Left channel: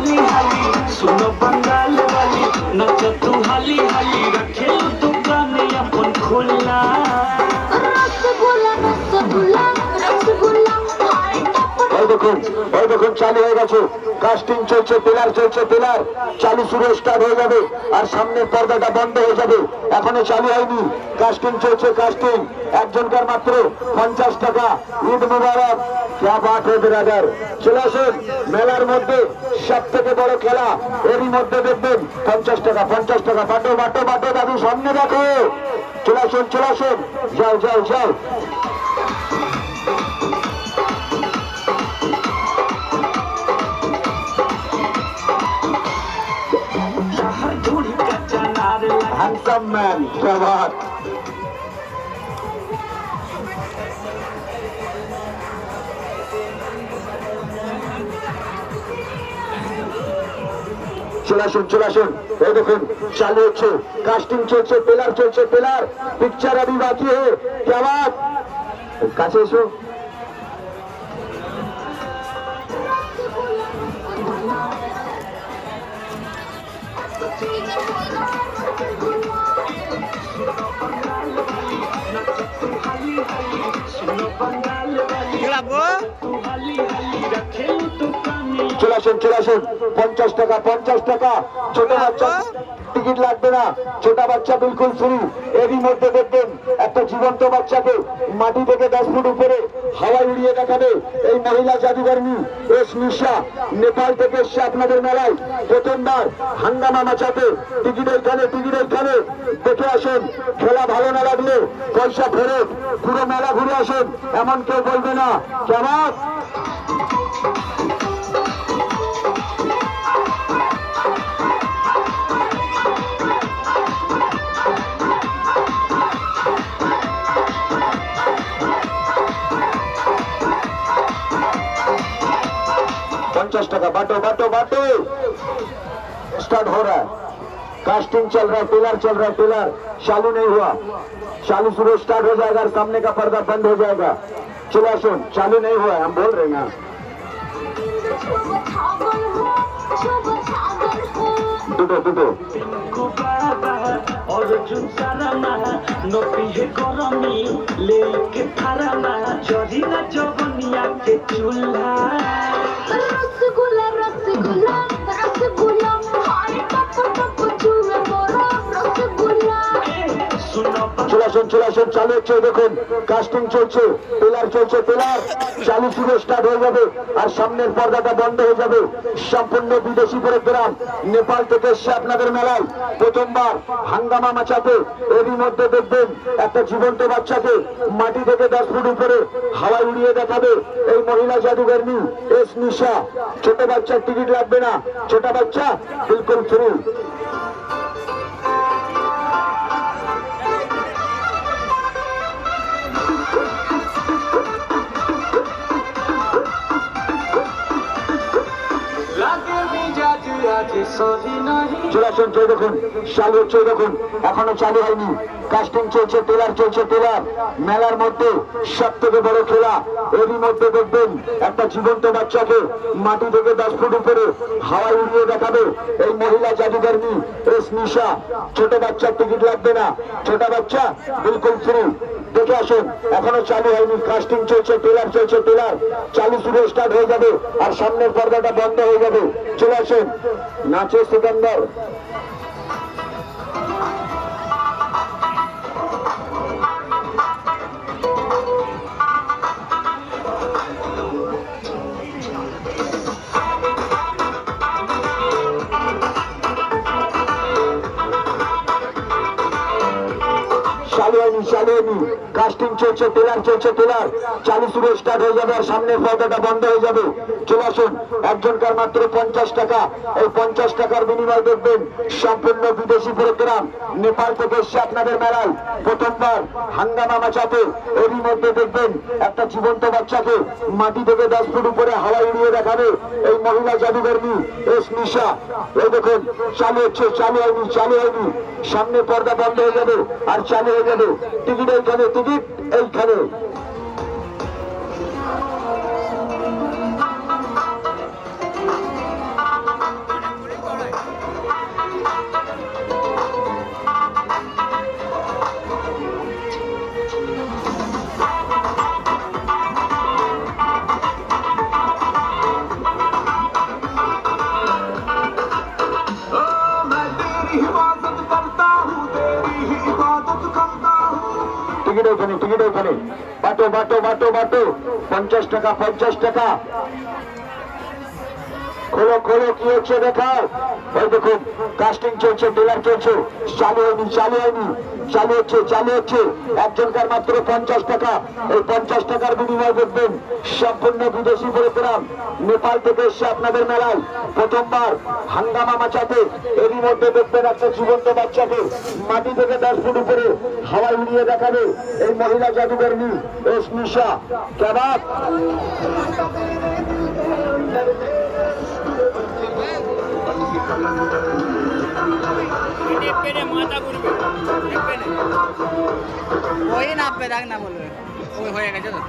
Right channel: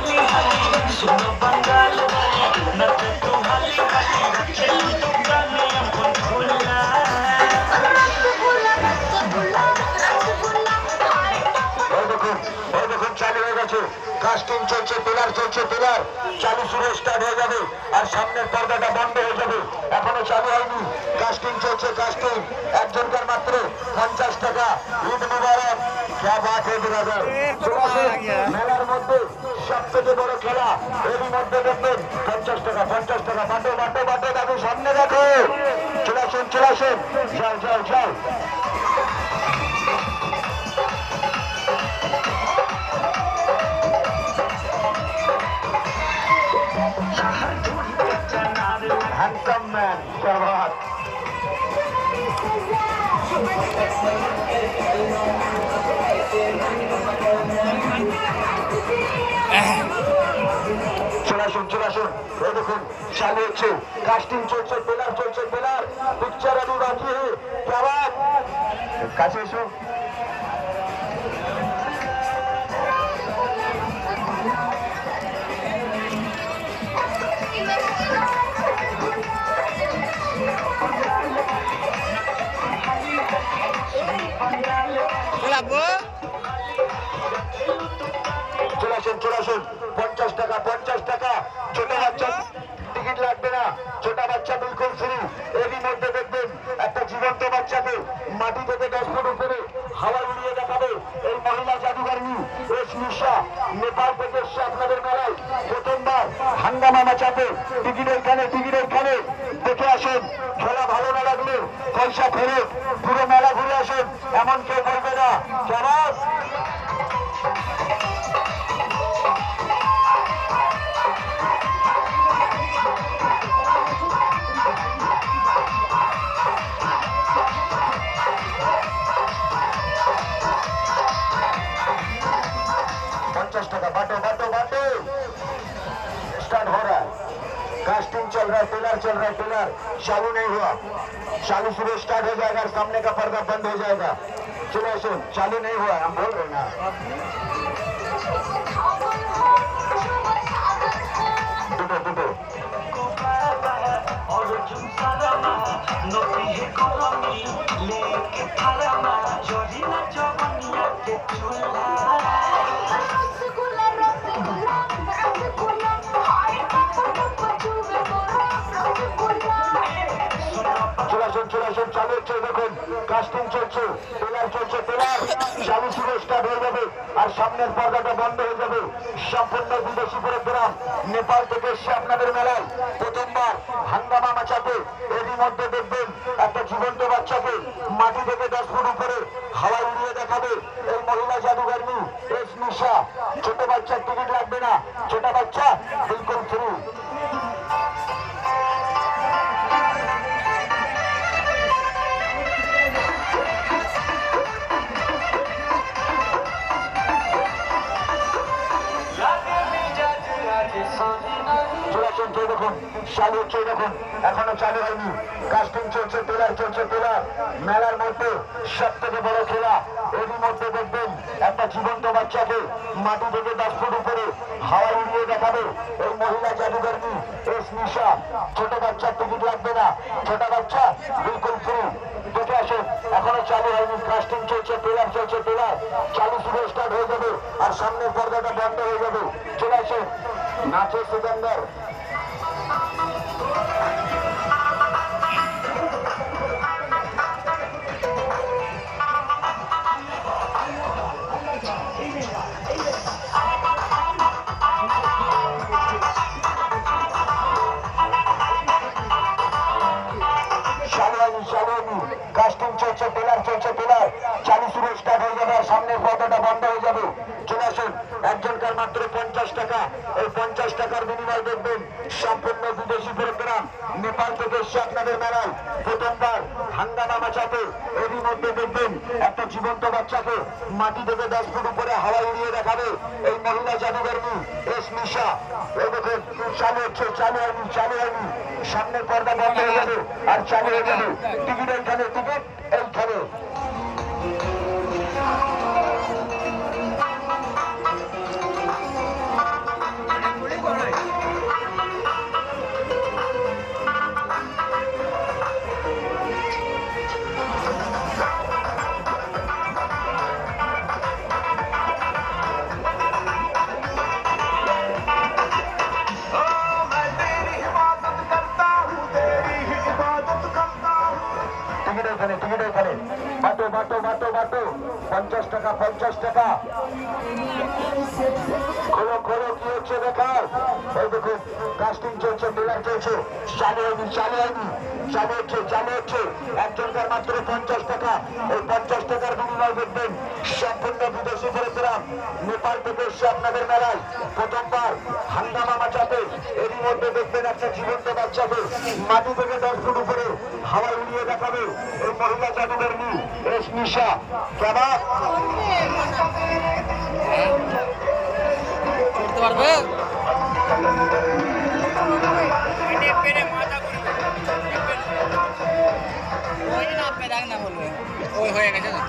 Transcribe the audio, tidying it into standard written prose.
हाली हाली सुनो बंगाल वाली नाच तू हाली हाली खेल तू गाने अपन खुला দেখুন চালু হয়ে গেছে কাস্টিং চলছে টেলার চালু শুরু স্টার্ট হয়ে যাবে আর সামনের পর্দাটা বন্ধ হয়ে যাবে এখনো চালু হয়নি কাস্টিং চলছে একজনকার মাত্র 50 টাকা ঈদ মুবারক क्या बात है ब्रादर চলে আসুন মেলার মধ্যে সব থেকে বড় খেলা এরই মধ্যে দেখবেন 50 টাকা বাটো দাদু সামনে দেখে চলে আসুন যাও handsome man, क्या बात চলে আসুন এই দেখুন চালু হচ্ছে কাস্টিং চলছে টেলার পিকচার अभी बाकी है क्या बात কাছে এসো চলে আসুন 50 টাকা ছোট বাচ্চা টিকিট লাগবে না ছোট বাচ্চা বিলকুল ফ্রি এরই মধ্যে দেখবেন একটা জীবন্ত বাচ্চাকে মাটি থেকে 10 ফুট উপরে হাওয়া উড়িয়ে দেখাবে এই মহিলা জাদুকর্মী এস নিশা নেপাল থেকে এসে আপনাদের মেলায় প্রথমবার হাঙ্গামা মাচাতে টিকিট ওইখানে দেখে আসুন খেলা ভালো না লাগলে পয়সা ফেরত পুরো মেলা ঘুরে আসুন এমন কেউ বলবে না কেমন टाका बाटो स्टार्ट हो रहा है कास्टिंग चल रहा है टेलर चालू नहीं हुआ चालू शुरू स्टार्ट हो जाएगा और सामने का पर्दा बंद हो जाएगा चलो सुन चालू नहीं हुआ हम बोल रहे हैं दुटो अर्जुन सारामा नपिहे गरमी लेके थारामा जरिना जवनिया के चूल्हा रसगुल्ला हाय कतो चूमे मोरा रसगुल्ला চলে আসুন চালু হচ্ছে দেখুন কাস্টিং চলছে টেলার চালু শুরু স্টার্ট হয়ে যাবে আর সামনের পর্দাটা বন্ধ হয়ে যাবে সম্পূর্ণ বিদেশি প্রোগ্রাম নেপাল থেকে এসে আপনাদের মেলায় প্রথমবার হাঙ্গামা মাচাতে এরই মধ্যে দেখবেন একটা জীবন্ত বাচ্চাকে মাটি থেকে 10 ফুট উপরে হাওয়া উড়িয়ে দেখাবে এই মহিলা জাদুকর্মী এস নিশা ছোট বাচ্চার টিকিট লাগবে না ছোট বাচ্চা বিলকুল ফ্রি চলে আসুন দেখুন দেখুন এখনো চালু হয়নি কাস্টিং চলছে টেলার মেলার মধ্যে সব থেকে বড় খেলা এরই মধ্যে দেখবেন একটা জীবন্ত বাচ্চাকে মাটি থেকে 10 ফুট উপরে হাওয়া উড়িয়ে দেখাবে এই মহিলা জাদুকর্মী এস নিশা ছোট বাচ্চার টিকিট লাগবে না ছোট বাচ্চা বিলকুল ফ্রি দেখে আসুন এখনো চালু হয়নি কাস্টিং চলছে টেলার চালু শুরু স্টার্ট হয়ে যাবে আর সামনের পর্দাটা বন্ধ হয়ে যাবে চলে আসুন নাচে সিকান্দার চালু হয়নি কাস্টিং চলছে টেলার চালু শুরু স্টার্ট হয়ে যাবে আর সামনের পর্দাটা বন্ধ হয়ে যাবে চলে আসুন একজনকার মাত্র 50 টাকা এই 50 টাকার বিনিময়ে দেখবেন সম্পূর্ণ বিদেশি প্রোগ্রাম নেপাল থেকে এসে আপনাদের মেলায় প্রথমবার হাঙ্গামা মাচাতে এরই মধ্যে দেখবেন একটা জীবন্ত বাচ্চাকে মাটি থেকে 10 ফুট উপরে হাওয়া উড়িয়ে দেখাবে এই মহিলা জাদুকর্মী এস নিশা এই দেখুন চালু হচ্ছে চালু হয়নি সামনে পর্দা বন্ধ হয়ে যাবে আর চালু হয়ে যাবে টিকিট এইখানে টিকিট এখানে বাটো বাটো বাটো বাটো 50 টাকা 50 টাকা খোলো খোলো কি হচ্ছে দেখাও এই দেখুন কাস্টিং চলছে টেলার চলছে চালু হচ্ছে একজনকার মাত্র 50 টাকা এই 50 টাকার বিনিময় দেখবেন সম্পূর্ণ বিদেশি পরিক্রম নেপাল থেকে এসে আপনাদের মেলায় প্রথমবার হাঙ্গামা মাচাতে এরই মধ্যে দেখবেন একটা জীবন্ত বাচ্চাকে মাটি থেকে 10 ফুট উপরে হাওয়ায় উড়িয়ে দেখাবে এই মহিলা জাদুকর্মী এস নিশা কেবাব করতে পারবে ওই না আপনি রাখ না বলবে ওই হয়ে গেছে তো